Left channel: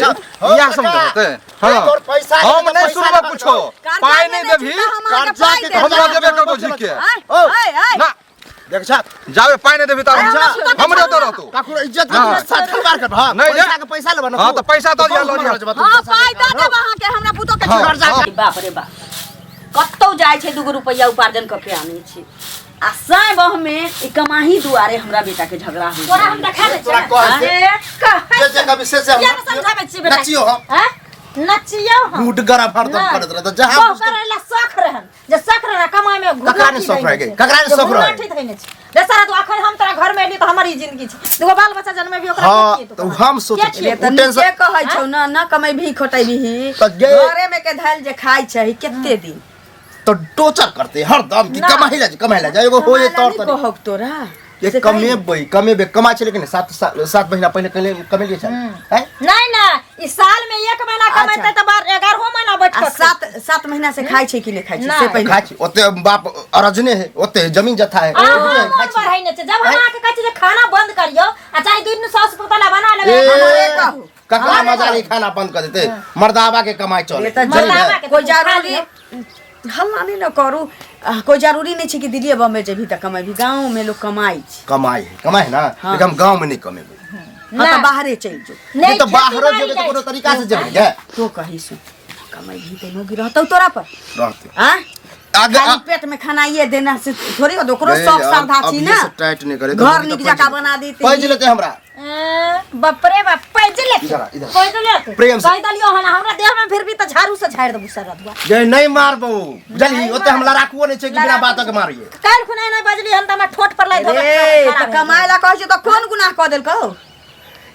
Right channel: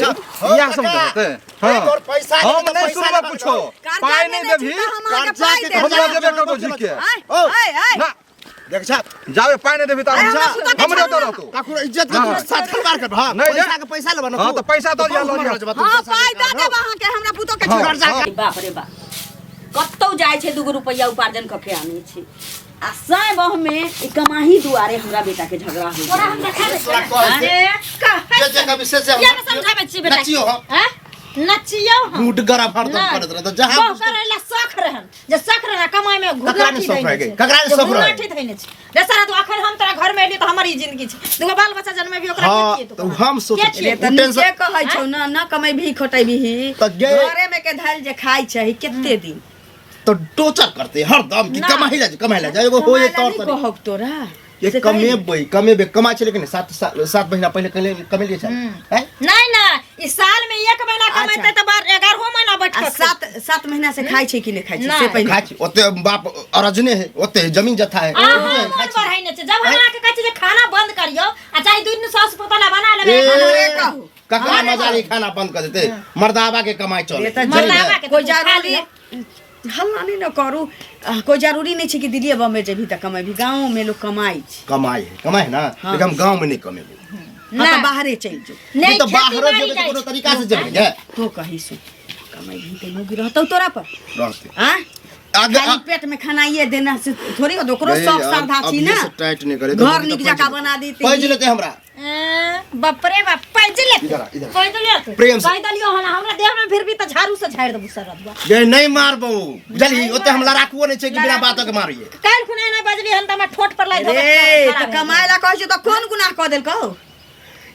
या समझते हां तोर पैसा हम नहीं सुनबा कुछो पाई नहीं देबी कर्जा के हम देबे करबो झिके ना देख छाप जावे पाई नहीं देबी त हम नहीं तो रहतो काकुर इज्जत के साथ खलवार कर हां पैसा के पैसा लेबा ना हां त पैसा तो लो हां पाई दे दे वहां के हमरा पुतो के कर्जा के बाप रे बाप कत्तौ जाय छै 2 रुपया उपार्जन क के आनै छै आ साय बह में ई कमाही दुआरे हमरा बेटा के झगड़ा हो तोरा हम देखा दे जे कभी से क्या समझाबे छी बेटा नचियो हैं नचियो हम बूट गरा फाड़ दो करत रह तो जहां करेला शौक रहन जे शौक रहना कमाई में ककरा ने शौक रह गई ककरा ने शौक रह ठीक थइने छी बेचारा तो आखिर हम तोरा घर में एली तो हमारी जिंदगी छी दुगो बाल बच्चा जन्मे भी ओकरा के तो हम सोचे के कहै छौ ना कमाई भी खोटै भी घरे में के धाल जे खाई छै केते दिन तो टोचर करते हर दम की कमाई ला जाए एगो होए तौर पर कहक तोरा ये कमेबे कमाई छै लेकिन 7 महीना पहले कमे लिए छै हैं नहीं ना इस साल में 1 महीना कमाइते त 11 महीना बैठ के 7 महीना से खाई छै कि नहीं खाई छै से पहले खाई छै ओते बाप अरजने है ओते जमीन जथा है बढ़ाई न छै जब हम आके कहै छै खाना बंद करियो आ चाहे दिन सास पतला बना लेबे हमरे कहू ककरा मजाली खाना बंद कर देते मर्दावा के कमाई चले मर्दावा के कोई जरूरी हल्ला नहीं न करू कोई जरूरी नहीं छै कि दिल्ली बम्बे जेबी त कमाई भी गांव में लोग कमाई है ना लेकिन हम गांव में नहीं कमेबे हां त बाहरे चल जो नहीं तो बाहरो जेबे तो कोनो तरीका से जेबे तो कहि सु कमाई भी त नौगी रहतौ तोरा पर रहते हां खाली पेट में खाना ये देना से थोड़ी दोकरो शौक श्रद्धा छी ना टाइट नहीं करे घर निक जका बना देती पैज लेते हमरा बाप रे बाप पैज लेते पैज लेते प्रेम से कह दलियो हना हमरा देह में फिर भी त झाड़ू से झाड़ देबू सरदवा जे नहीं मारबो बुझली ओते हम लड़ाकुओ नहीं छै कि बिना बात के मारिए काल खुने नहीं बजली हन त हम ठोट पर लाई देबे ए त कमाई ला कहै छै त कोन गुनाह क देल कहू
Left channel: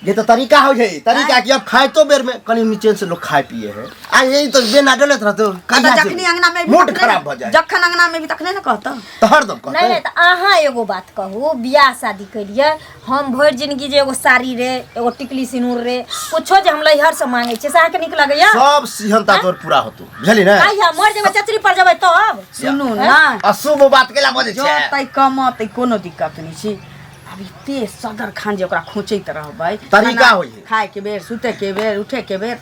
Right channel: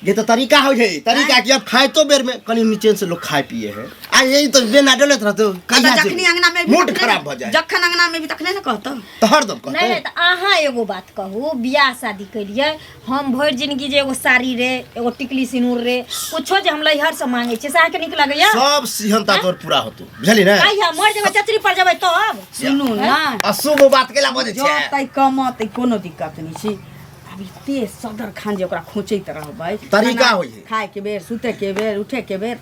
ये तो तरीका हो जाए तरीका कि अब खाए तो बेर में कनी नीचे से लोग खाए पिए है आ यही तो बेना डलत रहतो कदा जखनी अंगना में भी मूड खराब भ जाए जखन अंगना में भी तखने न कहतो तो हर दम कहतो नहीं त आहा एगो बात कहू बियाह शादी करिए हम भर जिंदगी जे एगो साड़ी रे एगो टिकली सिनूर रे कुछो जे हम लइहर से मांगे छै साह के निक लागैया सब सिहनता तोर पूरा होतो बुझली ना आइया मर जेबे चतरी पर जेबे तब सुनू ना अशुभ बात केला बजे छै जो तई कमत कोनो दिक्कत नहीं छी ते सदर खान जे ओकरा खोचैत रहबै तरीका होय खाए के बेर सुते के बेर उठे के बेर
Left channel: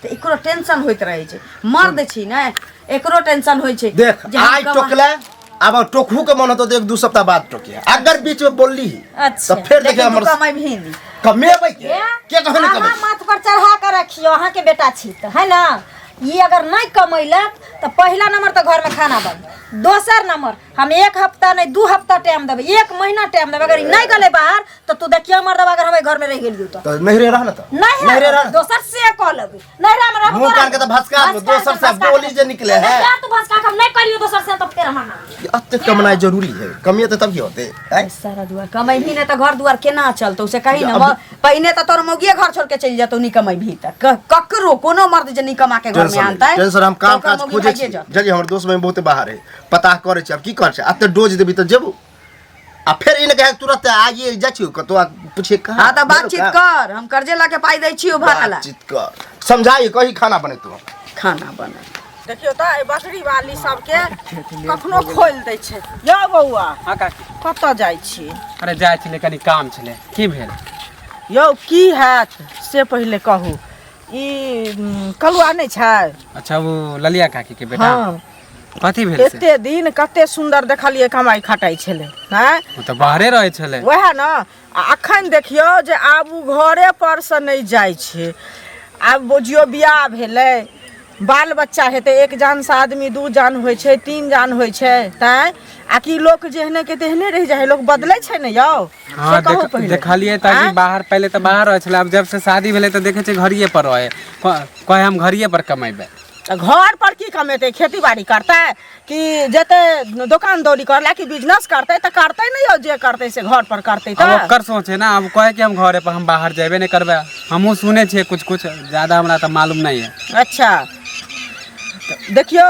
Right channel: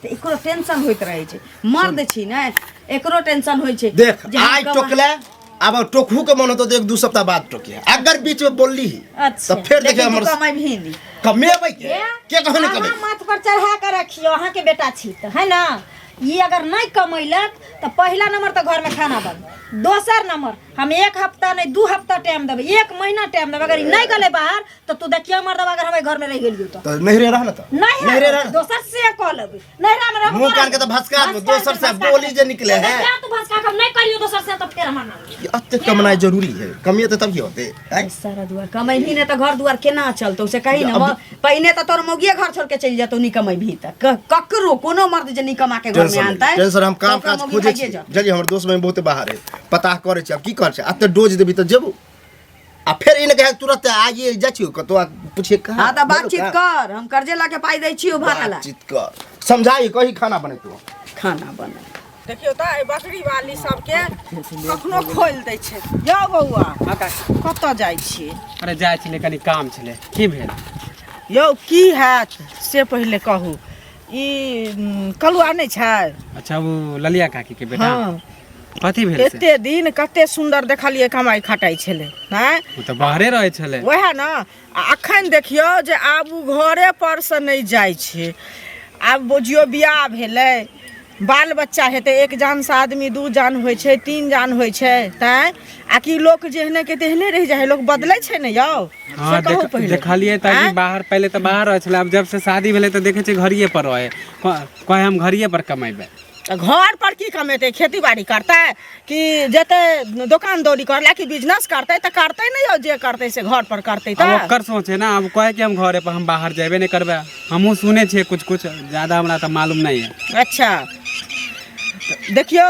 त एकरो टेंशन होइत रहै छै मर्द छी ने एकरो टेंशन होय छै देख आइ टोकले अब टोकहू के मन होतो तो 1-2 सप्ताह बाद टोकिया अगर बीच में बोलली तो फिर देखे हमर कमाई भी नहीं कमेबै के कहने कमे हां माथ पर चढ़ा के रखियो अहाँ के बेटा छी त है ना ये अगर नहीं कमैलक तो पहला नंबर तो घर में खाना बंद दोसर नंबर हम 1 हफ्ता नहीं 2 हफ्ता टाइम देबे 1 महीना टाइम देबे अगर नहीं गले बाहर तो तू देखियो मर्द अगर हमें घर में रह गेलियो तो नहीं रे रहना तो नहीं रे दोसर से कह लेबे नहीं रे हमरा मुंह कान के तो भसका दोसर से बोली जे निकले है तो भसका हम नहीं करियो दोसर से तो फिर हम अत्ते कमाई जरूरी है कमिए तो तभी होते सारा दुआर कमाई भी नहीं तो घर दुआर केना चलतो से कहि न पहिने तो तोर मोगिए घर छोड़ के चल जातो नहीं कमाई भी तक ककरो कोनो मर्द जे नहीं कमा के घर में आता है टेंशन हम काम काज खोजे छी जल्दी हमर दोस्त में बहुते बाहर है पता करे छी अब की कर छै अत्ते डोज देबी तो जेबू आ फिर इन कहे तुरंत आइए जाछियो कतो पूछे कहां हां त बातचीत कर हम कर्जे ला के पाई दै छियो भाकला बातचीत कर समझाई कही खाना बने तू खाना बने देखियो त बकरी वाली सब के कखनो खोल दै छै यो बौआ हां का कत जाय छी अरे जाय छले कनी काम छले की भेल यो की हैत से पहले कहू ई कलुआ नहीं छै अच्छा वो ललिया काकी के बेटा हां कथि भेल से एते दिन कते सुंदर देखलिए कमाई खटाई छले हैं वो तो बाहरे रहे छले वह ना अखन देखियो जे आब उ घरे पर से नहीं जाय छै आब बुझियो बियाह भेले बाल बच्चा हेते 1 जान से आदमी 2 जान होय छै 3 जान होय छै तै आ की लोग जेहने के तेहने रह जाय लोग बदलै छै ने यौ हां देखलिए ताकि बाहर पहले तो बाहर रहे छले अब जब से शादी भेले तो देखे छै घरिए पर रहे कहे हम घरिए पर कमाइबे घर पर की कमेते खेती बाड़ी करते कि जते दुकान दौरी करला कि बिजनेस करते त करते नहीं हो जे करते से घर पर करते त अब ओकर सोचे ना अब कहे कि हम घरे पर हम बाहर जेबे नहीं करबे हमहु सुने छे कुछ कुछ ज्यादा हमरा त मालूम नहीं है अच्छा देखियो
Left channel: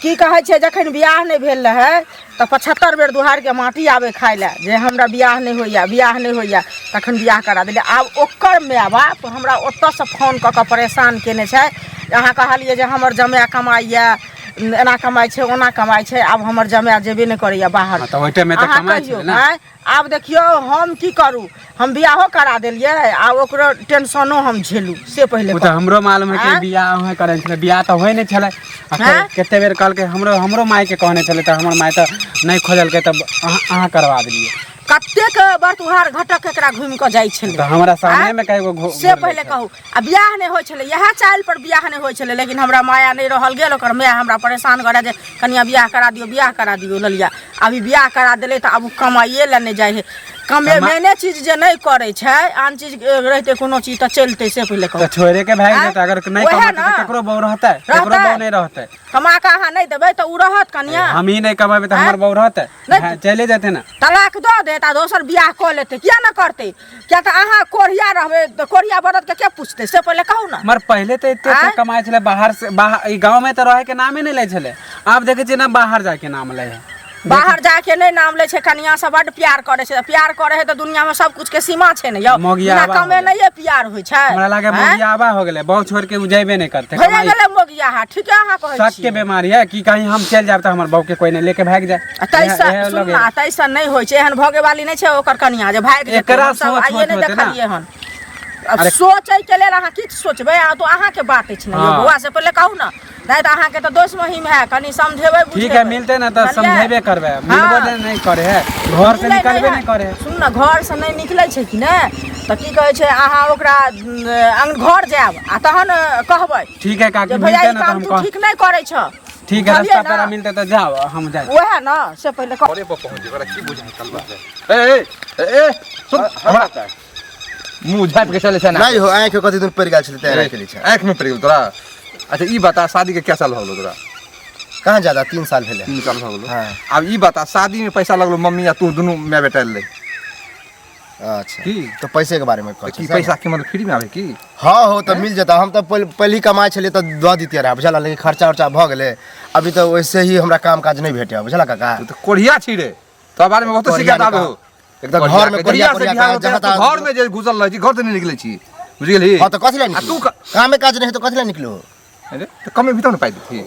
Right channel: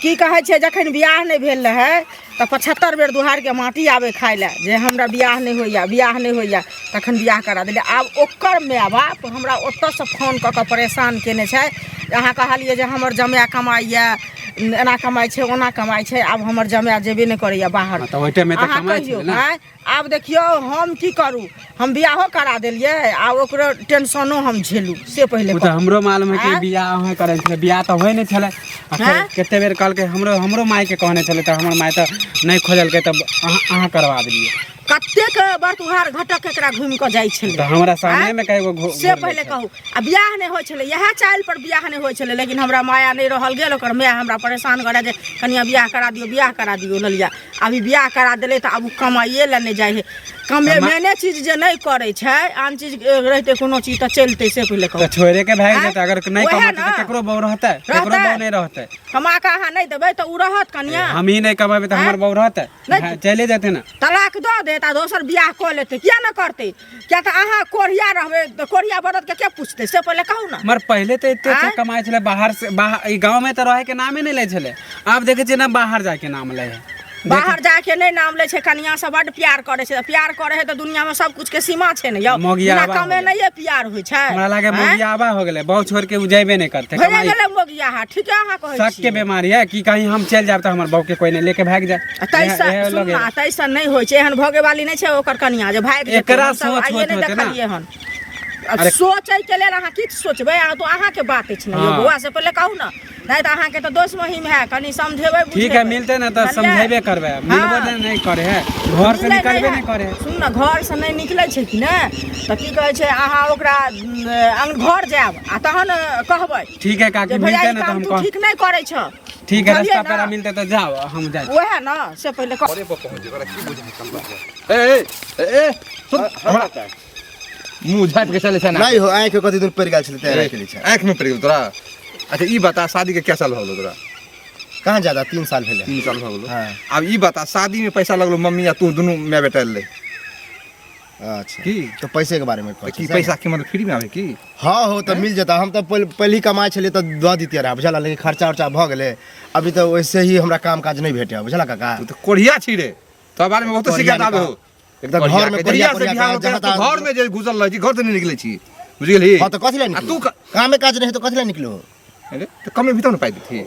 की कहे छे जखन बियाह नहीं भेल रहे त 75 बेर दुहार के माटी आवे खाय ले जे हमरा बियाह नहीं होइया तखन बियाह करा देले आब ओकर माय बाप हमरा ओत्त से फोन क के परेशान केने छै अहाँ कहलिए जे हमर जमाय कमाइया एना कमाई छै ओना कमाई छै आब हमर जमाय जेबे नहीं करैया बाहर तो ओइटे में तो अहाँ कमाई कहियौ, छै ना आँय? आब देखियो हम की करू हम बियाहो करा देलियै आ ओकरो टेंशनो हम झेलू से पहले वो तो हमरो मालूम है कि आँय? बियाह होय करे छले बियाह तो होय नहीं छले हाँ? केते बेर कहल के हमरो माई के कहने छले त हमर माई तो नहीं खोजल के तब अहाँ करवा देलिए कतेक बरतुहार घटक एकरा घुमि कऽ जाइ छलै तो हमरा सामने आँय? में कई से पहले कहू आ बियाह नहीं होइ छलै इएह चाइल पर बियाह नहीं होइ छलै लेकिन हमरा माया नहीं रहल गेल ओकर माय हमरा परेशान करे जे कनिया बियाह करा दियो ललिया अभी बियाह करा देले तऽ आब कमाइए ला नहीं जाइ है कमे मेने चीज जे नहीं करे छै आन चीज रहते कोनो चीज तऽ चलते से पहले कहू तो छोरे के भाग आँय? जेते अगर नहीं ओहे कमाते ना। तो केकरो बहू रहते केकरो बहू नहीं रहते कमा के अहाँ नहीं देबै तऽ उ रहत कनिया हम ही नहीं कमाबे तो हमर बहू रहते नहीं। चले जाते ना तलाक दऽ देत आ दोसर बियाह कऽ लेतै किया न करतै किया तऽ अहाँ कोढ़िया रहबै तऽ कोढ़िया बरद के के पूछतै से पहले कहू ना मर पहले तो इतने आँय? कमाए छले बाहर से बाहर गांव में तो रहे के नामे नहीं ले छले अब देखे छियै ना बाहर जाके नाम ले है बाहर जाके नहीं नाम ले छै कनिया से बड प्यार करे छै प्यार करे है तऽ दुनिया में सब कुछ के सीमा छै ने यौ मोगिया बिना आबा कमे हो नहीं प्यार होइ छै हमरा लागे आँय? मोगियाबा हो गेले बहुत छोड़ के उ जेबे नहीं करते भइए कमाई गेलै मोगिया हा ठीक है अहाँ कहै शक छी के बीमारी है कि कहीं हम चल जाब तो हमर बहू के कोई नहीं लेके भाग जाए तैसा सुन ना तैसा नहीं होइ छै एहन भगे वाली नहीं छै ओकर कनिया जे भाग जेतै एकरा हमसब सोच आइए होत नहीं होतै ना। देखलिए हन अब अरे- सोचै के लेल अहाँ किछु सोचबै आ तो अहाँ के बात अछि ने यौ हाँ। बौआ से पहले कहू ना नहीं तो अहाँ के तो दोस्त महिम है कनी समझेबै ठीक है मिलते ना तो बुझेबै। समझेबे करबे मिलबो नहीं करे है घर से निकलबे नहीं करे है सुन ना घर से नहीं निकलै छै कि ने तऽ की कहै छै अहाँ ओकरा घर जायब आ तहन कहबै ठीक है काकी जे भैया मिलते ई ना तो काम हम तू कह ठीक नहीं करै छ ठीक है बुझलियै रास्ता ना? पर मिलते तो जाओ हम जाए वएह ना से पहले कह अरे पहुंच जेबरा की बुझाइ चल बा ए सुन हमरा मुंह झाप के चले छै ना नहीं हो आँख के कथी दिन पड़ गेल छलै तैयार के लिए आँख में पड़ गेल तोरा अच्छा ई बता शादी के क्या साल हो गेलो तोरा कहाँ ज्यादा 3 साल भेले 3 साल हो गेलो हाँ। अब ई बता शादी में पैसा लगलो मम्मी या तू दोनों मैं बेटा ले अच्छा की तो पैसे के बारे में की पैसा के मतलब फ्री में आवे की हाँ हो तो मिल जाता हम तो पहले ही कमाए छलिए तो दऽ दितियै रहा बुझल लेकिन खर्चा उर्चा भऽ गेलै अभी तो वैसे ही हमरा काम काज नहीं भेटे बुझल काका तू तो कोढ़िया छी रे तो बारे में बहुत शिकायत आवे हो एकदम घर में कोढ़िया कोढ़िया से कोढ़िया बिहार जहाँ में घर में जे घुसल रह छी घर से नहीं निकले छी बुझ गेली हाँ तो कथी ला आ निकलो तू कामे काज नहीं तो कथी ला निकलो अरे तो कमे भी तो नहीं पाई थी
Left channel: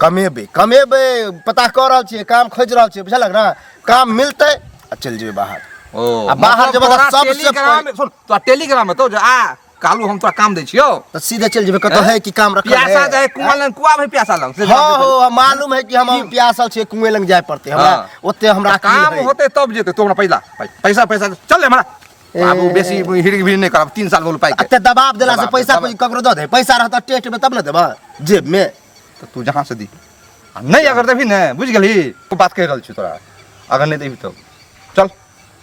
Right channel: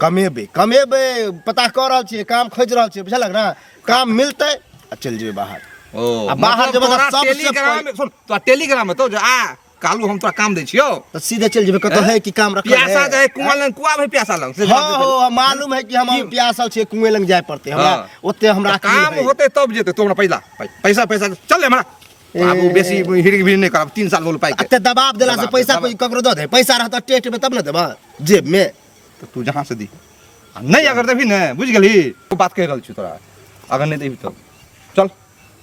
कमेबे पता कर रहल छियै काम खोज रहल छियै बुझल ना काम मिलते आ चल जेबे बाहर ओ आ बाहर मतलब जब तोरा सबसे टेलीग्राम में सुन तो टेलीग्राम में तो जो आ कालू हम तोरा काम दै छियो तो सीधे चल जेबे कतो है कि काम रखल प्यासा है जाए कुआं लंग कुआं में प्यासा लंग से हाँ हो मालूम है कि हम प्यासल छियै कुएं लंग जाय पड़ते हमरा हाँ। ओते हमरा काम होते तब जेते तो हमरा पैसा चल हमरा बाबू बेसी हिड़क भी नहीं करब 3 साल बोल पाई के अते दबाव देला से दबाव पैसा दे, कोई ककरो दऽ दे पैसा रहता टेस्ट में तब न देबा जेब में तो तू जहां से दी आ नहीं अगर देबी ना बुझ गेली तू बात कह रहल छी तोरा अगर नहीं देबी तो चल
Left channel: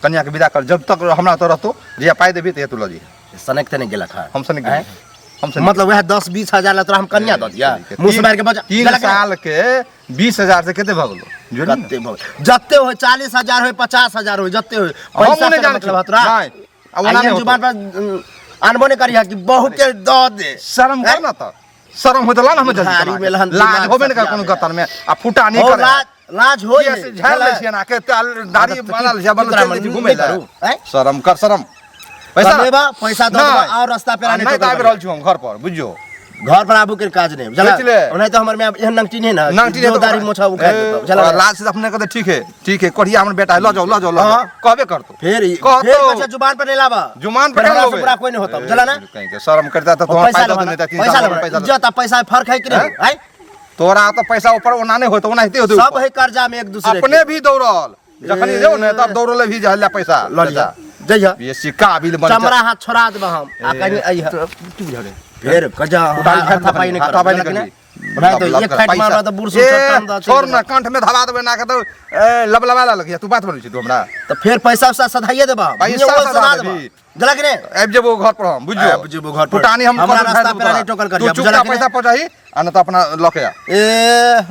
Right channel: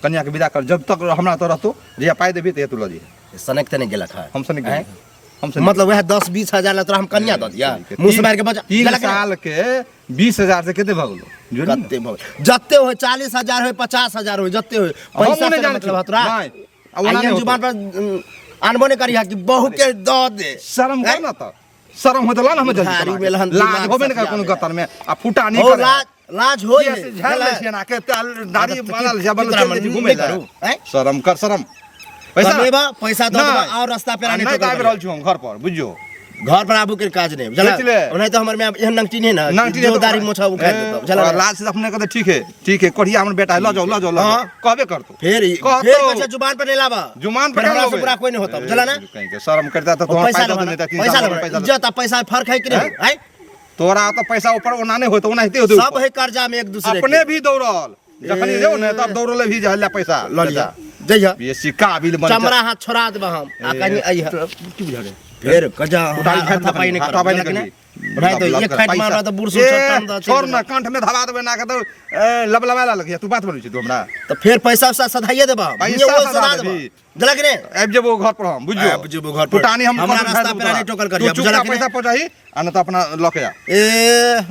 कन्या के विदा कर जब तक हमरा तो रहतो जे पाई देबी त तू ल जी सनक ते नहीं गेलक है हमसे नहीं हैं? गेली हमसे मतलब वह 10-20 हजार ला तोरा हम कन्या दऽ दिया मुंह से मार के बजा 3 साल के 20,000 से केते भ गेलो कते जत्ते हो 40,000 हो 50,000 हो जत्ते हो पैसा से मतलब है तोरा नहीं अब ओना नहीं नहीं जुबान पर अनबो नहीं करिया कि बहू के दऽ दे शर्म कर ना तो शर्म हो तो ला ना हम भारी में लहन लाज दिमाग होबे नहीं कर सफिया कोनो में। गतर में आ फुटा नहीं हो करे लाज हो ये से झाड़ ले छिए ना के दाढ़ी बनल जबल चल घूमे ला हैं शर्म कर शर्म पैसा दऽ देबा और रास्ता पे नहीं तो आबि रहल छी हम घर पर बुझियो घर पर आबू के काज नहीं बुझला सोच ले। नहीं तो हमर में एहन नंगटी नहीं ना नंगटी जो दाढ़ी मोछा उखाड़ देतो बुझला लाज से अपने कहते ठीक है कोढ़िया हमर बेटा है ल जाओ हाँ। कहबे कर तू फिर कह फिर तो। कछे जुबान पर नहीं लाबा जुमान फिर पे हमरा लोगे। से बुरा कोई नहीं होता बुझला ना कहीं के शर्म करता तो और तुम्हारा पैसा फायदा लेबा नहीं था 3 पैसा साल लेबा पैसा इज्जत आ पैसा फर्क है कि नहीं है तोरा तो पैसा ऊपर ओना नहीं होता ओना हिते होते सब है कर्जा में एक दूसरे अपने भी दौड़ल जखनी जाओ ना तब दौड़ले भी जहला पैसा ल लिया जइया ये सिक्का बिल बन चमड़ा हाथ छोड़ा देबा हम आ कहीं आई तू बुझा रे फिर कजा उठाई हाथ थपाई नहीं हाथापाई कर नहीं भाई तो एक फाइट मारबा तो बुढ़ सुन टन द छोड़ ना कंठ में धरा देबे ना के तो लबलबा लग तू बात बोलै छी तू हमरा तो फिर पैसा उसा सधाइए देबा पैसा ये वो सधा सधा देबी। देबा जला कि नहीं आबि जेबो घर पर हम बुझियो आबि जेबो घर पर। पुटानी हम हमरा कर रास्ता देबो पे तोरा। नहीं टोकल तू करिया, चुपचाप बुझला कि पैसा पहुंचाही आ न तो अपना लके आ ए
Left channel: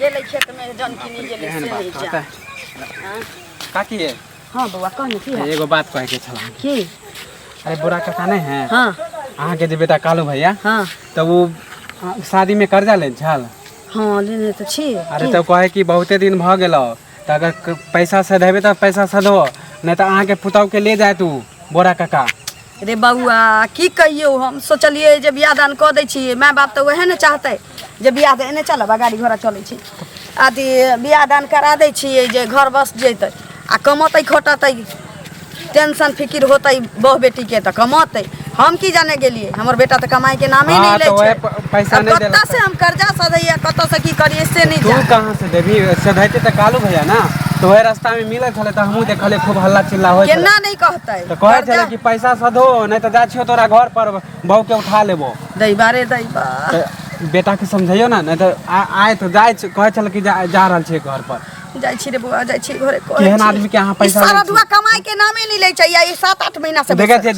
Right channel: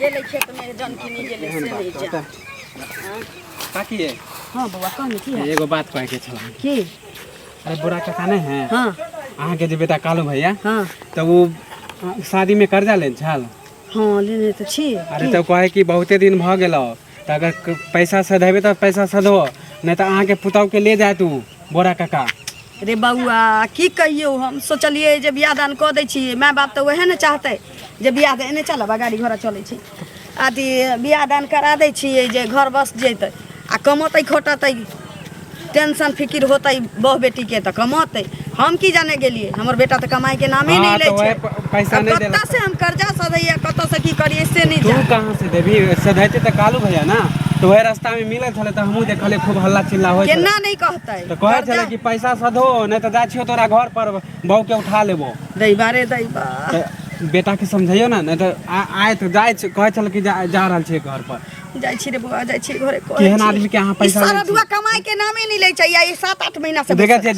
गेले खेत में जनकिनी गेले से नहीं जा काकी है हां बउआ कहने की है एगो बात कहे के छला की अरे बुरा काका नहीं है हां अहाँ के जे बेटा कालू भैया हां तो वो शादी में कर्जा ले छल हां लेने तो छी अरे तो कहे कि बहुते दिन भ गेलो तो अगर पैसा सधेबे तो पैसा सधो नहीं तो अहाँ के पुतौ के ले जाए तू बोरा काका रे बउआ की कहियो हम सोचलिए जे बियाह दान कऽ दै छियै माय बाप तऽ वएह ने चाहतै जे बियाह एने चलब गाड़ी घोड़ा चलै छी अथी बियाह दान करा दै छियै जे घर बस जेतै आ कमतै खोटतै टेंशन फिकिर होतै बहू बेटी के तऽ कमतै हम की जाने गेलिए हमर बेटा तऽ कमाई के नामे नहीं ले छै पैसा नहीं देला कत्ता से हम कर्जा सधैया कत्ता से की करिए से नहीं तू जा कहां से देबी सधैते त कालू भैया ना तो वह रास्ता में मिले छले त हमहू देखले खूब हल्ला चिल्ला होय छले केना नहीं कहतै तो कहे छले कि पैसा सधो नहीं तो जा छियो तोरा घर पर बहू के उठा लेबो दैबा रे दैबा बेटा के समझाइयो ना नहीं तो आए तो जाए कहे छले कि जा रहल छै घर पर जाई छी रे बुआ जाई छी घरे केहन आदमी के यहाँ पैसा सारा दुआ कमाई के नामे नहीं ले चाहिए ये 7-8 महीना से देखे छै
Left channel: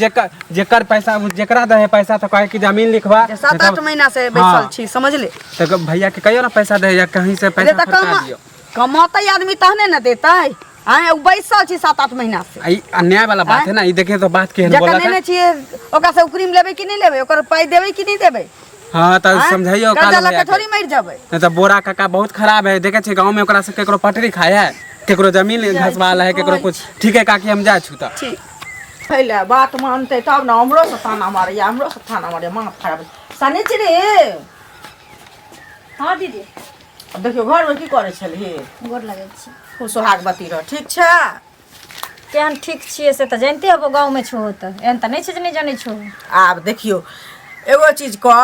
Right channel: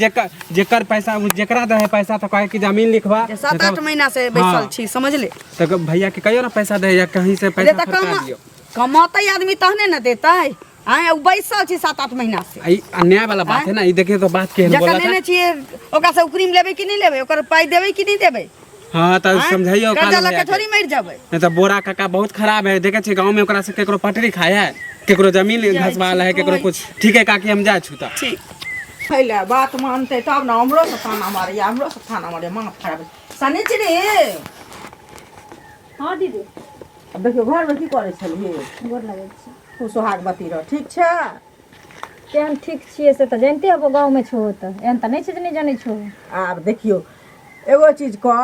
जेकर पैसा जेकरा दे पैसा तो कहे कि जमीन लिखवा 7-8 महीना से बैसल छी समझ ले तो भैया के कहियो ना पैसा दे या कहीं से पैसा फटका दियो कमाते आदमी तहने न देतै आए बैसल छी 7-8 महीना से ई अन्याय वाला बात है ना ई देखे तो बात केहन बोला जखन ने छिए ओकरा से उकरीम लेबै कि नहीं लेबै ओकर पाई देबै कि नहीं देबै हां त समझाइयो कर्जा लके थोड़ी मर जाबै नहीं तो बोरा काका बहुत खराब है देखे छी गांव में ओकरा से केकरो पटरी खाया है केकरो जमीन घसवाल है केकरो कुछ ठीक है काकी हम जा छूता ठीक पहले बात मानते तब ना हमरो से थाना मारे हमरो से थाना मारे मां खराब सने छी रे हाँ दीदी देखियो घर में की करे छली गोर लगै छी खूब सोहागवती रह ठीक छै केहन ठीक छियै से तऽ जानिते हबो गाँव में छो तऽ एहन तऽ नहीं छै जे नहीं जानै छो आब देखियो एगो चीज कह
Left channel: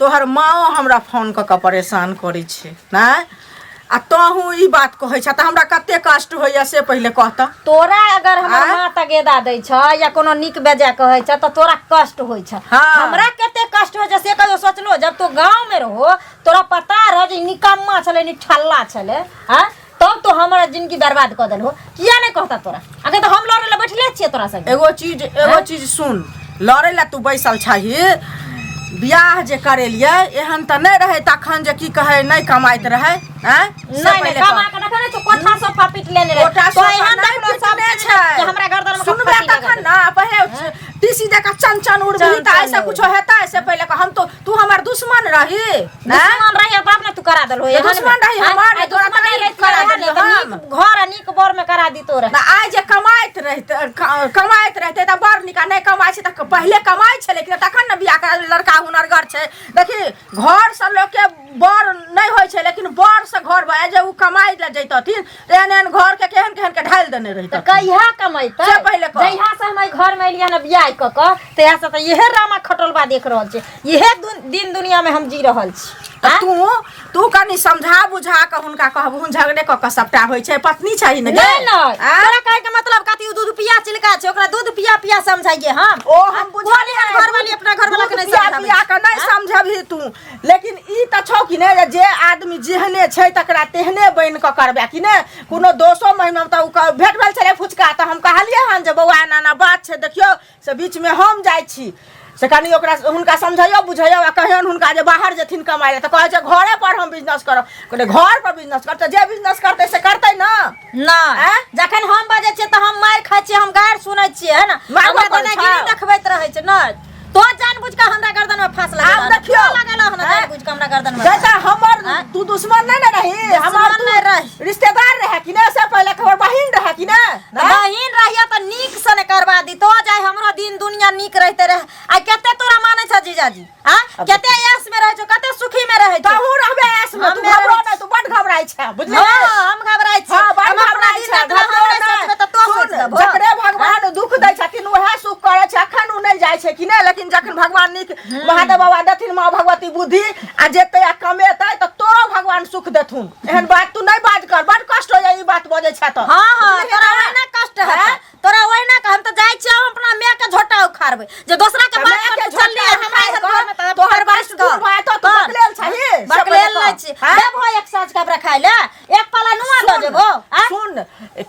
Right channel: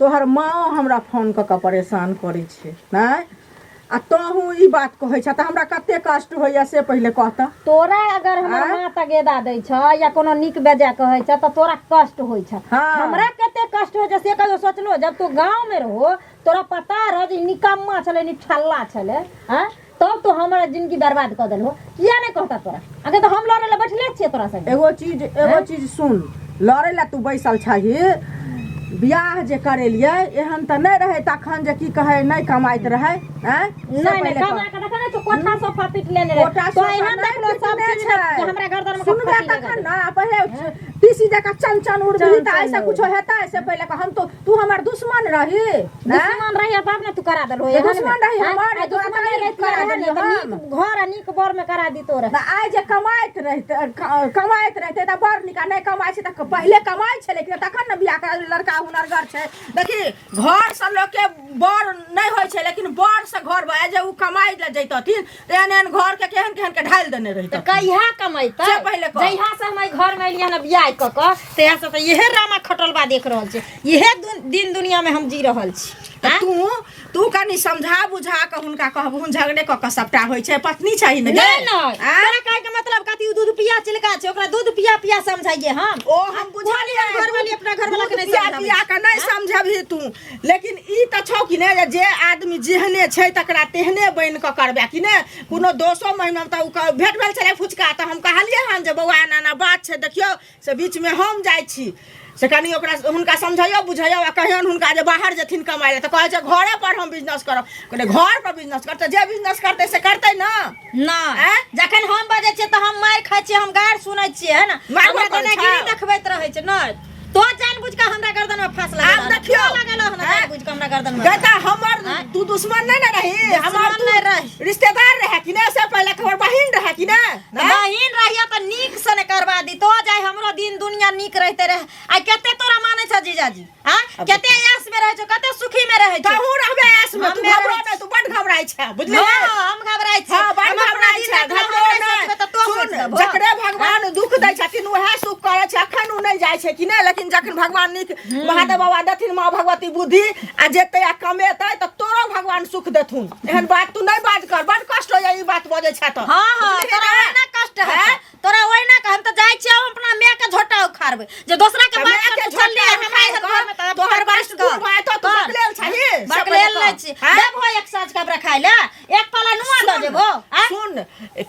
तोहर माँ हमरा फोन कऽ के परेशान करै छै ना आ तोहू ई बात कहै छ तऽ हमरा कते कष्ट होइया से पहिले कहत तोरा अगर हमर माँ तगेदा दै छ या कोनो निक बेजा कहै छ तऽ तोरा कष्ट होइ छ हाँ। हमरा कते कष्ट होइ छ से कहियो सोचलो जब तो गांव में रहो तोरा पता रह जे निकम्मा छले निठल्ला छले हां तब तो हमारा जिंदगी बर्बाद कर देल हो किया नहीं कहता तोरा अगर तो हम लड़े ला बैठले छिए तोरा संग एगो चीज सुन लड़े ला तू बैसल छही बियाह जे करेलिए एहन त नहीं रहे तखन जे की कहे नहीं कमाइत रहे हैं नहीं नहीं कमा के रखने छ कोठा सोफा पीट लेने रे तो एहन देखलो सब चीज जे हमरा गर्दन में सुनबे तखन ना पहिले टीसी जका चंचन उड़बी त ऐसे कुछ हेता ऐसे पहिले हम तो तू हमर दुश्मन रही दुश्मन रही तब ने तू करा देलो एहन दुश्मन रही हमार दुश्मन नहीं रही करा देलो घर निक बर में करा दी तोरा ना आइ जे कमाइत रहते त बड़ निका नहीं कमाइ छै त पहिले कमाइ छै लेकिन तखन न बियाह करा लड़का हुनरगर छै देखी घर से लोग के बड़ नहीं होय छै लेकिन बड़ से घर भए जे उ कमाई ले जैतथिन एहन एहन घर के केहन केहन के ढाल देने रहित कहिया कमाइते से पहिले कह जहिया से हम घर में एलिया न बियाह क क तहिया से त इहे रामा खटलबा देख रहल छै इहे दिन दुनिया में हम जी रहल छी तू कनी समझा बुझा के हुनका कहबहुन झगड़े क के सबटा होय छै पत्नी चाहिए न नहीं तोरा कहे के मतलब कथि दूध पिया चिलका छै ओकरा दूध पिया समझाइए हम ओ हम बुझाली घर वाली अपना घर वाला के नहीं पिया के नहीं समझबही तू लेकिन ई त छौ कि ने जे आदमी जेहने छै तकरा तेहने बन के करबे कि ने कोनो 200 महीना त उ भेट भेल छले फुचका त हम कहलिए हन जे बौआ नाना बात छै देखियो से बीच में हम जाय छी से कनी ओकरा हुनका समझाइयो बुझाइयो आ कहियन हुनका जे बाहर जेथिन कमाइ ले त कहै छै घरे पर हम बिजनेस करब कहले घर पर बिजनेस करते जे बिजनेस करते से करते ना ना जखन हम बाजे छियै त हम मार खाइ छियै हम गायर सुनै छियै है ना हमरा त नहीं गिरी देखबैत रहै छै न तो जानबूझ के हमरा गर्दन में फांस लगा आब देखियो लगल हन जानबूझ के हमरा गर्दन में कहता हमर तू दुश्मन नहीं रही हमर नहीं रही रिश्तेदार रहे कि ने से पहले खबर बहिन रहे कि ने बहिन रहिया त नीक से ने करवा दी तो जाय हमरो दिन दुनिया नीक रहते रहे आ कते तोरा माने छ जीजाजी हां कते ऐस में रहे छ कते सुखी में रहे छ तू रहबे ऐस में तू घबरा नहीं तू बड घबराई छ बुझली हम घबराई छी हां बड घबराई छ घबरा नहीं त तो जकरे भगवान दुख दै छथिन वह सुख करे छ अखन उ नहीं जाय छै कि ने लेकिन जखन भगवान नीक महादेव बाबा देथिन माँ भगवती बुद्धि आ जेते आ कमेतै त तोरो भगवान सुख देथुन एहन बात तू नहीं बात कर बड कष्ट हो जाई ई बात बजे छ त हां तोरा ओहिना कष्ट है तोरा ओहिना हम त जाय छी हम अपना माय के झोटा उखाड़बै जे दोसरा के बात के छोड़ले हमारे घर में त तोहर बात तू बात तो बकलेल छही बकलेल नहीं छी देबो एक साँझ का खाइ ले एक पाला नुआ द देबो सुन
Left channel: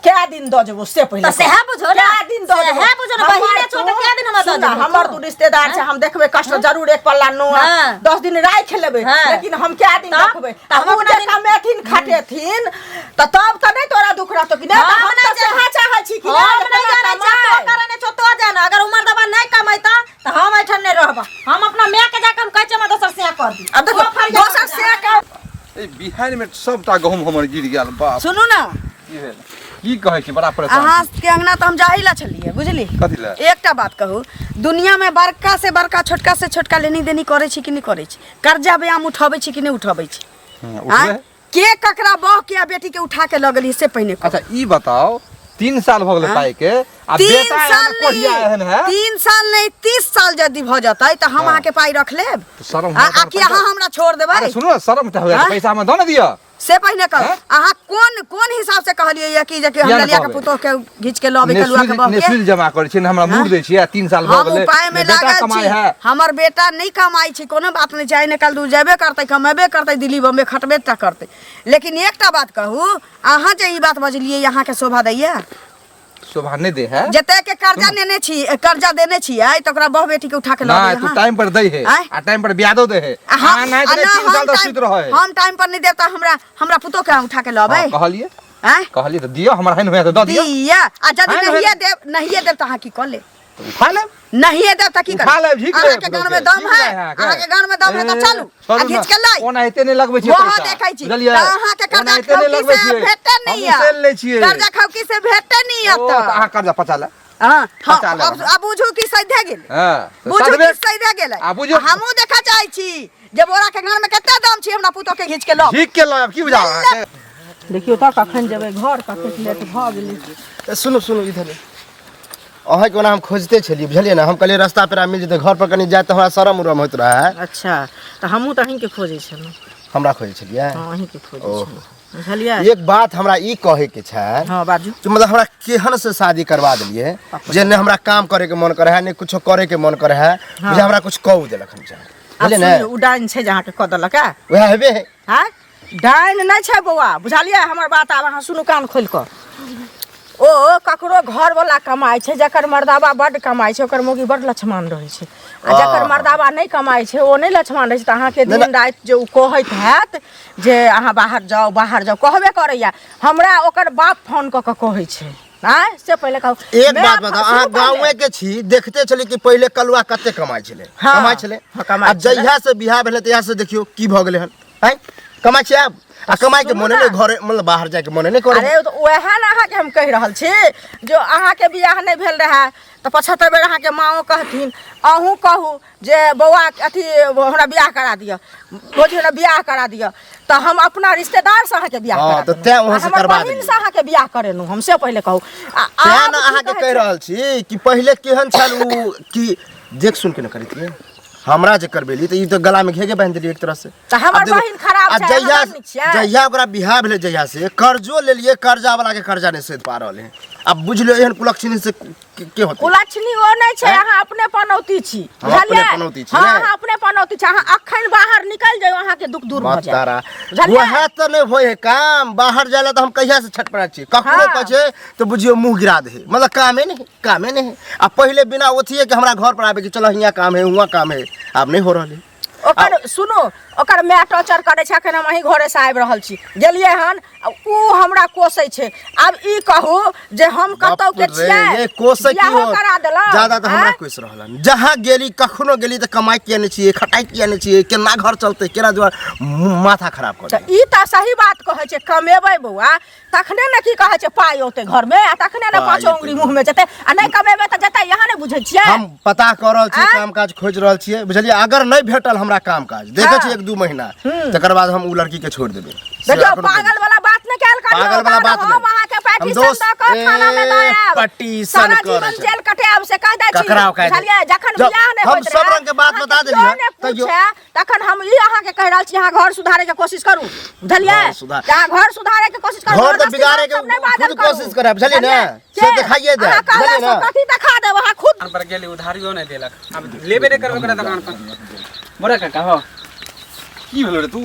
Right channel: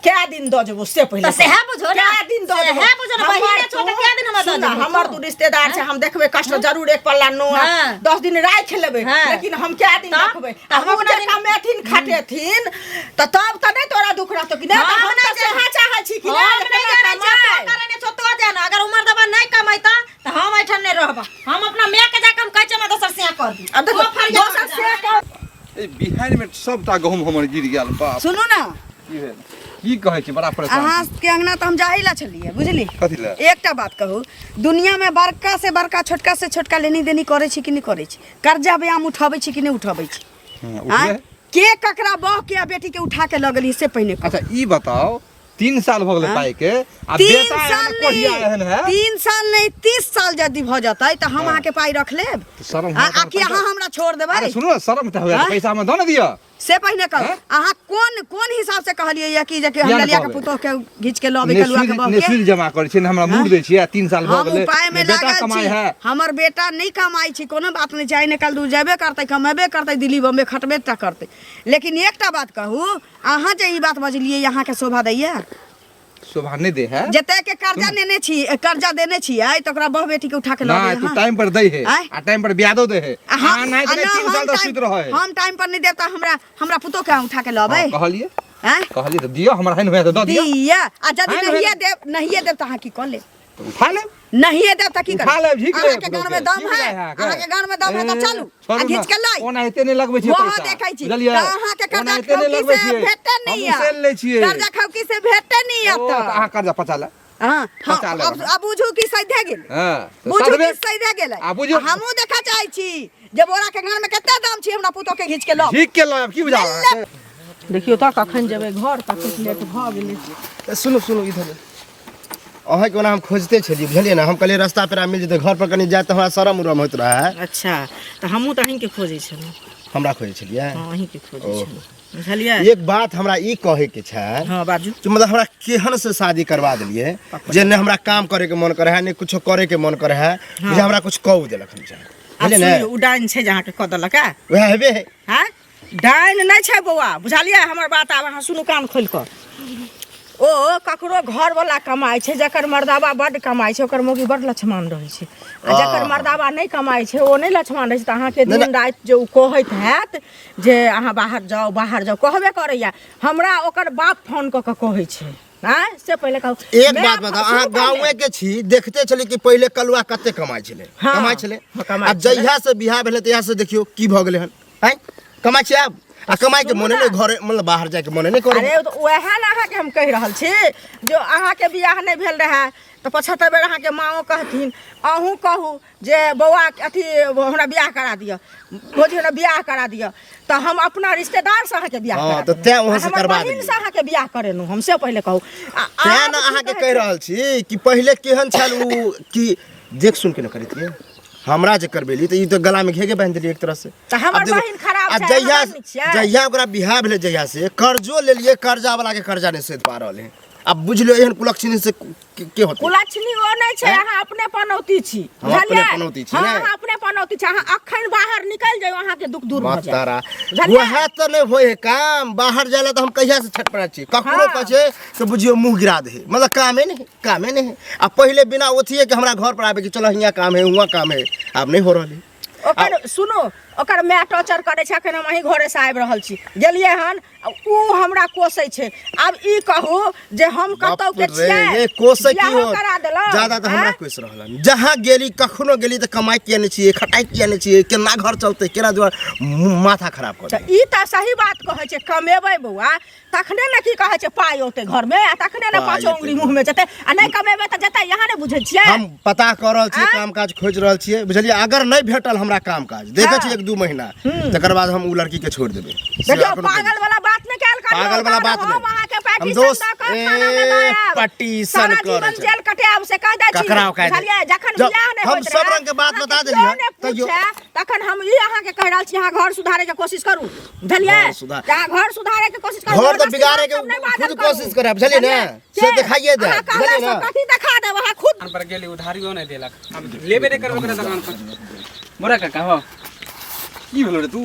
क्या दिन द देबो से पहिले त सेहा बुझो क्या दिन द देबो सेहा बुझो बहिने छोटे क्या दिन हम द देबो हमर तू रिश्तेदार छै हम देखबे कष्ट जरूर एक पल्ला नुआ 10 दिन राख लेबे लेकिन हम क्या दिन देखबे हम जे कमेथिन खाटेथिन त तब त नहीं तोरा दुख रहतो कि नहीं हम त सेहा चाहै छी कि नहीं तो जाना अगर उमर दबा नहीं कमाइता त हम ऐठन नहीं रहबा हम अपना माय के जाके हम कहै छै हम दोसर से कर दी अब देखो दोसर से ए बिहार में सबटा गहूम हमर गिर गेल बाप सुनू ना की भेल की कहै छी बड़ा परेशान अहाँ के अंगना तो हम जाही ला छलिए बुझली। कथी ला एकटा बात कहू, दुनिया में बड़का से बड़का छोटका से छोटका लेनी देनी करे छी कि नहीं करे छी? कर्जा ब्याम उठाबै छी कि नहीं उठाबै छी? उठबे के ककरा बह के आ बेटी के उठा के लगली से पहले कहू। अच्छा ई बताओ 3 साल भ गेलै पाई के आ 3 बेटा साल एहन कोढ़िया एहन है 3 साल नहीं 30 साल यदि भ जतै त हम अहाँ के पाई रख लेब। तो शर्म आ कि अहाँ हमरा छोड़ देबै? अरे सुनो ना शर्म त होया पैसा में दो ना दिया से पहले कहू अहाँ कोन हिसाब से कहलिए या कि जे कि हम ललिया के पुतो के घिच के लबे कलुआ के बह के नेसुल जमा करे छी हमरा मूड दै छी 3 साल भ हम गेलै उपाय में बेटा लागल कमाई छी। है हमर बेटा नहीं कमाई छी, कोनो बात नहीं चाहे निकल दूर जेबे करते कमेबे करते दिल्ली बम्बे खटबे टा करते। लेकिन एकटा बात कहू, अहाँ जे ई बात बजलिए यहाँ के शोभा दैया? शोभा नहीं दे है जते के कर्जा लेने छी कर्जा देने छियै त ओकरा बह बेटी के उठा के ना लबे। तू टाइम पर दे है आ टाइम पर ब्याजो दे है आ नहीं तो 3 साल तक सुत रहे हम टाइम पर नहीं देता हमरा पुतो के उठा के लबे। कहलिए हैं कहलिए तो दियो हमरा हन होया तो दो दियो दिया आ जदी नहीं देब त अहाँ की कर ले? तो उठा ले नहीं देब त की कर? उठा ले झिक ले अहाँ के गान में दम है, अहाँ के गान में दम है त चलू आ घिच के लाई। ओना एते नहीं लगबै छी वो पैसा देखै छी बुझलिए त अहाँ के कर्जा एते नहीं लगबै छी भेटते नहीं हम सेल ले छिए कर्जा खौकी से भेटते नहीं ओ अब तो अहाँ कर्जा पचा ले हां पचा ले अब बुझू कि सैधे गेल हां बुझू सदबे कि सैधे गेल आ बुझू हमहू देखा चाहै छी जे बोरा के गान में केते दाम छी हमरा पुतो के घिच के लो। ठीक के लो अब की बुझा देखियो त कखन जेबै घर कते लेट भ गेलै। सुनो सुनो इधर अहाँ के हम खोजते छलिए बुझलिए ना। हम कहलिए रास्ता पर मिल जेते घर पर कनी जाए त हमरा शरम उरम होत रहा है। अच्छा त हमहू त अहीं के खोजै छलहुँ। हमरा खोजे छलिए हां अहीं के खोजै छलहुँ बुझलिए। एक बात हमरा ई कहे के छै हां बाजू। कि मतलब हमरा केहन से शादी करवा दिलिए जे ने हमरा काम करे के मन करे है ने कुछ करे के मन करे है जे हमरा कुछ कहू देलक हम चाहे बुझलिए ना। उ डाइन छै जे अहाँ के क देलक है? वह हेबे है हैं डाइन नहीं छै बौआ बुझलिए। हमर बात आब अहाँ सुनू कान खोल कऽ। ओ ककरो घर वाला कमाई छै जकर मर्दाबा बड कमाई छै ओकर मौगी बड लछमान रहै छै आ जकर मर्दाबा नहीं कमाई छै ओ नहीं लछमान रहै छै त अहाँ के दिन रात जे उ कहैत हैत जे अहाँ बाहर जाओ कहबे करैया। हमरा ओकर बाप फोन क के कहै छै हैं से पहले कहू। एक बात बताओ अहाँ गांवे के छी देखते चली कि पहले कलुआ कते कमाई छले कमाई छले आ जहिया से बियाह भेले तहिया से देखियो की भ गेले हन हैं कमाई छै अब आ कमाई के मने नहीं घरे मतलब बाहर जाके मने नहीं करे। अरे तो वह ना अहाँ के हम कह रहल छी जो अहाँ के बियाह नहीं भेल रहे तो 75 बेर अहाँ के माओ कहथिन अहूँ कहू जे बौआ अथी हमरा बियाह करा दिया बोझ हमरा बियाह करा दिया तो हम अपना रिश्तेदार से अहाँ के बियाह करा तो तै वहां से करवा देलिए से अहाँ के बियाह करेनु हमसे पहले कहू। तै ना अहाँ के कह रहल छी कि पहले केहन छल उ कि देख सुन के न करतिए हमरा जे करबेली त ई तो गला में घेगे बांध देली एक तरह से। त हमर बहिन खराब छै जहिया हमर नीक छै। जहिया ओकरा बियाह भेले जहिया से कर्जो ले लिए कर्जा वाला के कर्जा नहीं सध पा रहले हैं। अब बुझलियो एहन कुलक्षणी से के होते कुलक्षणी ओ नहीं छै अहाँ अपने पनौती छी हम अपने पनौती छी हां ने। अहाँ अपने पनौती छी अहाँ अखन बाहर निकल जाओ अहाँ के दुख दूर भ मत जाए तारा बुझलिए? वह तो नहीं होए है काम बाहर जाला तो हम कहिया से छटपटा छी ककरो हाँ। कछे तो बुझियो मुंह गिरा दे मतलब कामे नहीं अब पहले बिना ओथिए कि हमरा घर पर आवे कि चलो हियां काम है हुआ काम है अब नहीं हो रहले। ओकर सुनो ओकर मैं टॉर्चर करे छै अखन हम अहीं घरे से आबि रहल छी गेलिए हन उ हमरा कोसै छै। अब ई कहू जे हम कतौ के छियै ये कोसे की हो करा देलक ज्यादा तो हमरा कोस रहलन जहां गेली कखनो गेली त कमाई किया नहीं छिए खटाई किया नहीं छिए केना घर चलते केना दुआर माथा खराब कर त ई त सही बात कहै छै कमेबै बौआ तखने ने की कहै छै पाई ओते घर में आ तखने ने पाँचो उंगली मुंह में जेतै आ नहीं कमेबै त जेतै यहाँ नहीं बुझै छियै। हम पता कर रहल छी काम काज खोज रहल छिए बुझलिए अगर नहीं भेटल हमरा काम काज देखे छी 1-2 महीना तकर बाद हम उ लड़की के छोड़ देबे। देखियो पागल वाला बात न कैल करियो पागल वाला बात हम नहीं। अहाँ के हम पैटिसन दोस्त द के खाना में दयाब पटिशन करे छै जेल कटाब से कह दै छी ककरा कह दे बुझलिए जखन जब बियाह नहीं हम होइत सब रहे, रंग के बात अहाँ बता के देलियै, केओ नहि तैयो। पूछे, तखन हम ई अहाँ के कह रहल छी अहाँ घर सुधारे के कोशिश करू बुझलिए घर सुधार- अहाँ घर सुधारे के कोशिश करू घर तो जबरदस्ती बिगाड़े के सब नहीं बात खुद करू। कोशिश करे बुझलिए ना से दिखाइए दे अहाँ कहला बुझलिए ना से कथी दिखा देब अहाँ खुद दुकान पर गेली उधारियो नहीं देलक अब लेबे नहीं करबो करे दुकान पर बोरा काका हो की भेलो रे तू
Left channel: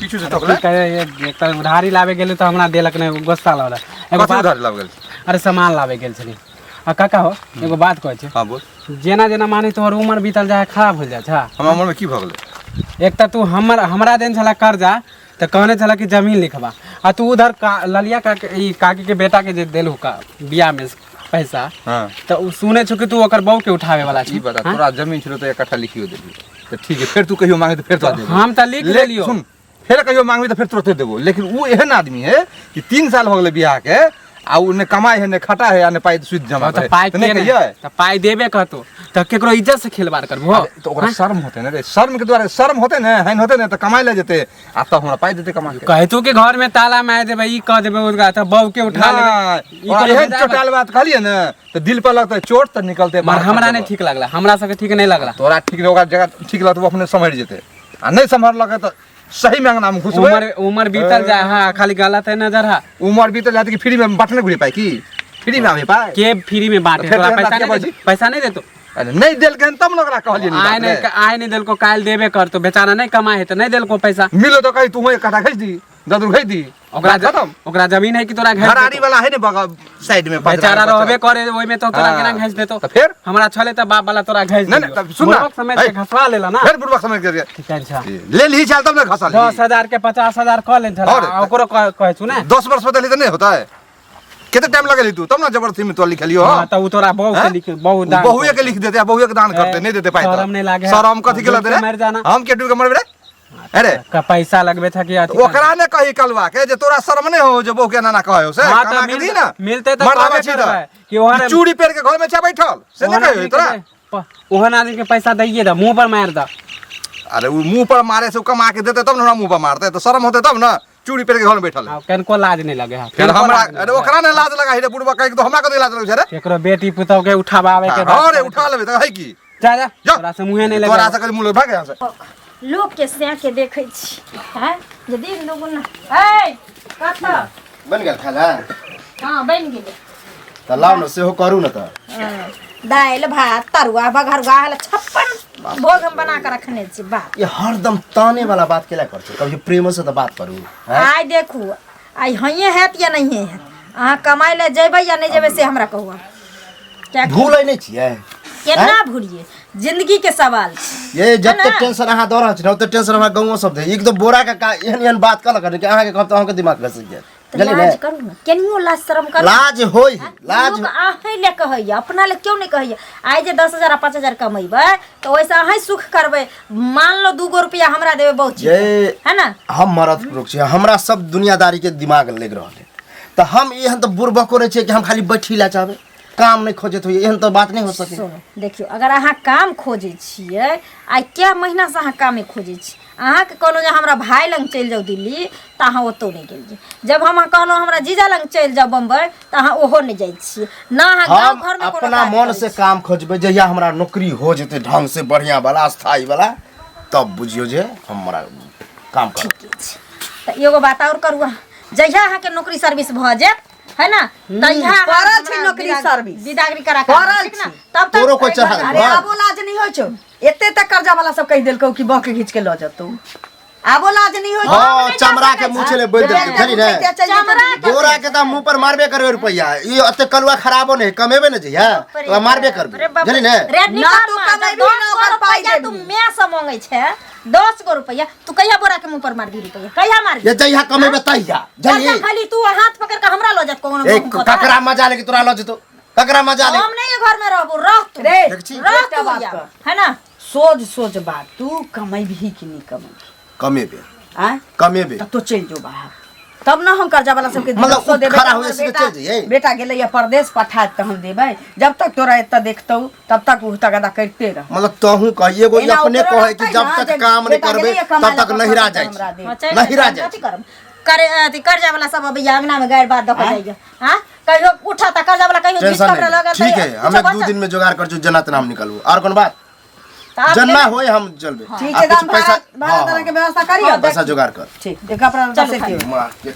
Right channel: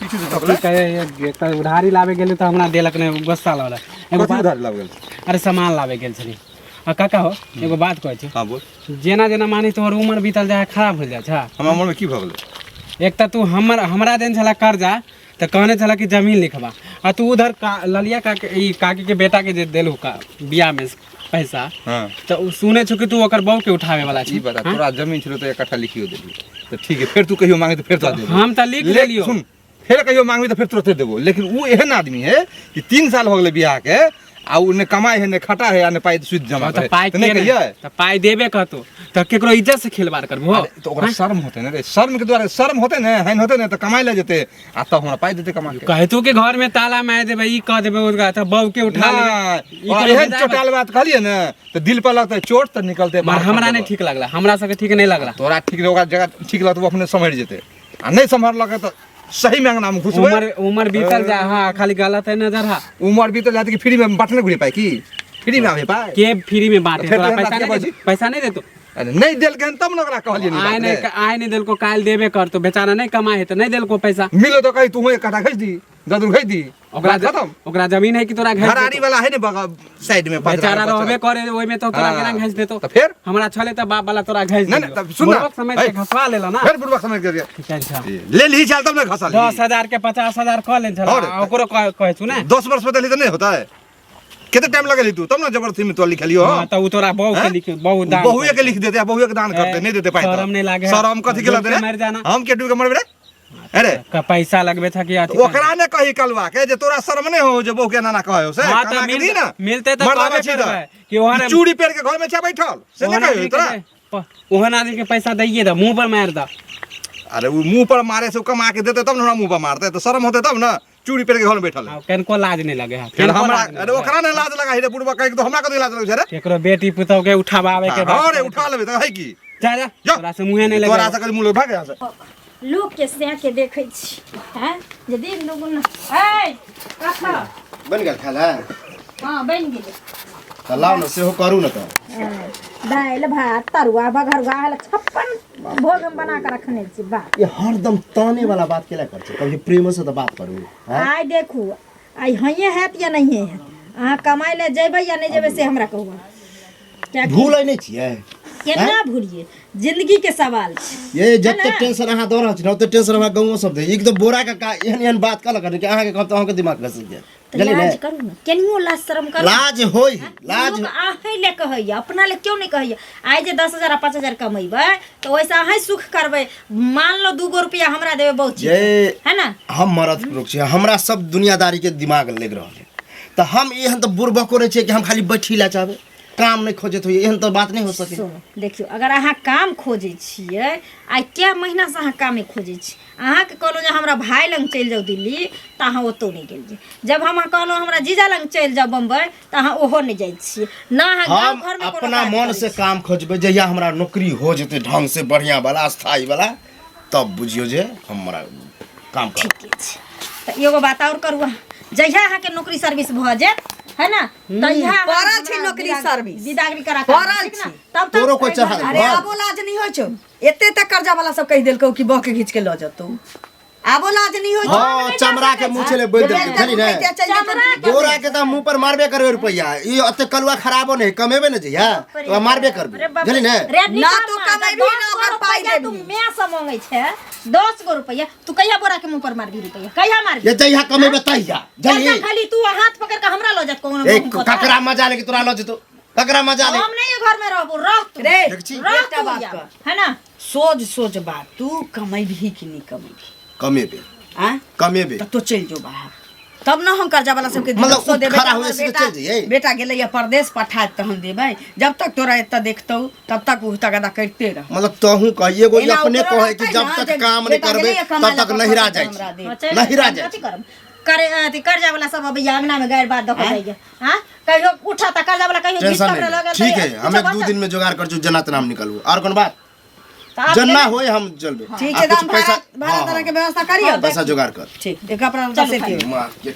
पीछू से की टकले करे एक त उधारी लावे गेली त हमरा देलक नहीं गुस्सा लागल एगो कथी बात उधार लाग गेल अरे सामान लावे गेल छली आ काका हो एगो बात कहै छै हां बोल जेना जेना मानी तोहर उम्र बीतल जाए खराब हो जाए छा हमरा मन में की भ गेलै एक त तू हमरा देन छला कर्जा त कहने छला कि जमीन लिखवा आ तू उधर ललिया का ई काकी के बेटा के जे देलू का बियाह में पैसा हां त उ सुने छ कि तू ओकर बहू के उठावे वाला छी ई बता तोरा जमीन छलो त 1 कट्ठा लिखियो देली त ठीक है फिर तू कहियो मांगे त फिर तो देबो हम त लिख लेलियो सुन फिर कहियो मांगबी त फिर तुरंत देबो लेकिन उ एहन आदमी है कि 3 साल हो गेलै बियाह के आ उ ने कमाई है ने खटा है आ ने पाई सुध जमा तो करे पाई तो नहीं के कहिए तो पाई देबे कहतो तो केकरो इज्जत से खिलवाड़ करबो अरे, तो ओकरा शर्म होते ने रे शर्म के द्वारा शर्म होते ने हैन होते ने तो कमाई ले जेते आ तो हमरा पाई देते कमा के कहतू के घर में ताला मार देबे ई कह देबे उनका तो बहू के उठा लेबे ई और कोनो एहन विदा चोटाल बात कहलिए ने तो दिल पर लगता है चोट तो निकलते मगर हमरा नहीं ठीक लगला हमरा सबके ठीक नहीं लगला तोरा ठीक ओकरा जगह ठीक लगत वो अपने समझ जेते आ नहीं समझ लगे तो सही में अंगना में घुसबे उम्र बीतल जा हां खाली गलत है नजर हा उम्र भी तो जाते कि फ्री में बांटने घुरी पाए की फ्री में आवे पाए के फ्री में बांटे फिर तोरा तो पैसा बात के नहीं दे पैसा नहीं दे तो अरे नहीं देल के तब न ओकरा कहलिए आय नहीं दिल को काल देबे कर तो बेचारा नहीं कमाए है तो नहीं दिल को पैसा मिलो तो कहीं तू एक कटा खींच दी ददुर खींच दी ओकरा खत्म ओकरा जमीन है कि तोरा घर घराड़ी वाला है ने बगल साइड में बेचारा रहबे करे ओइ में तो तोरा केना घास देतो तो फिर हमरा छले त बाप वाला तोरा घास नहीं, नहीं, तब सुन ना। समय से घसवा लेला ना फिर बुढ़वा समझ के ठीक है अच्छा ले ली चल तब ना घसा ली 10,000 के 50,000 कह ले और? छला ओकरो कहे छु ना 10 वर्ष बदली तो नहीं होता है कितने टाइम लगेली तू तब ना जबरदस्ती में तो लिखलियो हां त उ तोरा बहु के लिख बहु दान बहुए के लिख देते बहुए के दान करते नहीं देते पाए शरम नहीं लागे शरम कथी के लगते मर जाना हम के डूब के मरबे रे अरे का पैसा लगबे था कि अथी ओकरा ने कही कलवा के जे तोरा शर्म नहीं हो जे बहु के नाना कहे हो से हां कमा त के दी ना मिलते त मर्दाना कहबे छी त। करबै कि ओहन चूड़ी पेड़ के घर में छा बैठल से नहीं कहियो तोरा ओहन आदमी के पैसा दइए द मुंह पर मार द अरे वो मुंह पर मारे से कमा के देते तब ना मुंह पर मारते तो शर्म होते तब ना चूड़ी पेड़ के घर में बैठल है कनको लाज नहीं लगे हा फिर हमरा अरे ओकरा ने लाज लगा रे बुढ़वा कहे तो हमरा के लाज लगे रे केकरो बेटी पुतौ के उठाबावे के हां रे उठा लेबे त है की जा जा जा। तोरा से मुंहे नहीं तोरा लगे से कल मुंह भाग यहां से लोग के से के देखे छी हैं यदि लोग न ए कथा बन गेल खाला हां बन गेले त लाउ न सेहो करू न त दाल भात तरुआ बघरुआ हला 56 भोग हम बना के रखने छी बा ये हरदम ताने वाला बात केला कर छ कभी प्रेम से त बात करू हैं आइ देखू आइ हइए हैत या नहीं है अहाँ कमाई ले जेबै या नहीं जेबै से हमरा कहू क्या भूलै नै छियै केना भूलिए जिंदगी के सवाल छै ये जते टेंशन अहाँ दऽ रहल छी न ओते टेंशन हमरा गाँव सब दे एक तो बोरा का एहन एहन बात कहलक कि अहाँ के कहब त अहाँ के दिमाग घस जाय तो लाज करू ना केनियो लाज शर्म करू लाज होय लाज लोग अहीं ले कहैया अपना ले क्यों नहीं कहैया आइ जे 10,000 आ 5,000 कमेबै तो वैसे अहीं सुख करबै मान लो 2 रुपया हमरा देबै बहुत चीज ये है ना हम मरद पुरुष छी हमरा सब दुनियादारी के दिमाग लग रहल है त हम एहन त बुरबको रे छी कि हम खाली बैठी ला चाहबे काम नहीं खोजत होइए एहन तो बात नहीं हो सके सुनो देखियो अगर अहाँ काम खोजे छियै आइ क्या महीना से अहाँ कामे खोजे छी अहाँ के कहलो जे हमरा भाई लंग चल जाओ दिल्ली त अहाँ ओतो नहीं गेल जे जब हम कहलो हमरा जीजा लंग चल जाओ बम्बई त अहाँ ओहो नहीं जाय छियै ना अहाँ हम गांव घर में अपना मन से काम खोजबे जहिया हमरा नौकरी हो जेते ढंग से बढ़िया वाला स्थायी वाला तब बुझियो जे हमरा काम कर ठीके छै त एगो बात और करू अहाँ जहिया अहाँ के नौकरी सर्विस भ जाय है ना तहिया पड़ल छी नौकरी सर्विस। विदागरी करा के पड़ल ठीक ना छी। तब तोरो कोई चढ़ा अरे आबो लाज नहीं हो छो एते तक कर्जा वाला सब कह देलको कि बके घींच के ल जतो आबो लाज नहीं हो छो हां चमड़ा के मुंह चले बोल देते खरी ने चमड़ा के गोरा के त मुंह पर मारबे करबे रुपया ई अते कलुआ खराबो नहीं कमेबे न जइया तो मारबे करबे जनी ने ना तू कमेबी ना ओकर पाई तू देबी मैं से मांगे छे 10 गो रुपया तू कहिया बोरा के मुंह पर मार दी रुपया कहिया मार ये जइया कमेबे तइया जनी खाली तू हाथ पकड़ के हमरा लो जात कोनो एक ककरा मजा ले कि तोरा ल जतो ककरा मजा ले हम नहीं घर में रहबो रह तू रे देख छी रह एकटा तू बात या, कर। है ना सोच सोच बात तू कमेबी कि नहीं कमेबी कमेबे आ कमेबे तब तो चल जो बाहर तब ना हम कर्जा वाला सबके मतलब दिलसो देबै खड़ा त होए हमर से बेटा- चल जइयै। बेटा गेलै या परदेश पठात त हम देबै जब तक तोरा एत देखतौ तब तक उ तगदा करते रह मतलब तोहू कहिए एगो एना अपने ओकरो कहे कि रहतै जब ना, तक जे काम नहीं बेटा करबे गेलै या कमाइ तब तक लए नहिरा तऽ जाइ हमरा दे। छै नहिरा जाइ कथी छै करब करे अथी कर्जा वाला सब अब अंगना में गायर बात दख जाइए हां कहियो उठा त कर्जा वाला कहियो टेंशन गिफ्ट नहीं लगल ठीक है हम 1-2 दिन में जुगाड़ कर जो जना तना हम निकलबो और कोन बात आप जन्ना होए हम चलबे ठीक आ है कुछ दाम पैसा भाड़ा तरह के व्यवस्था करियो पैसा जुगाड़ कर ठीक एक अपना चलो से खाली। दियो मां के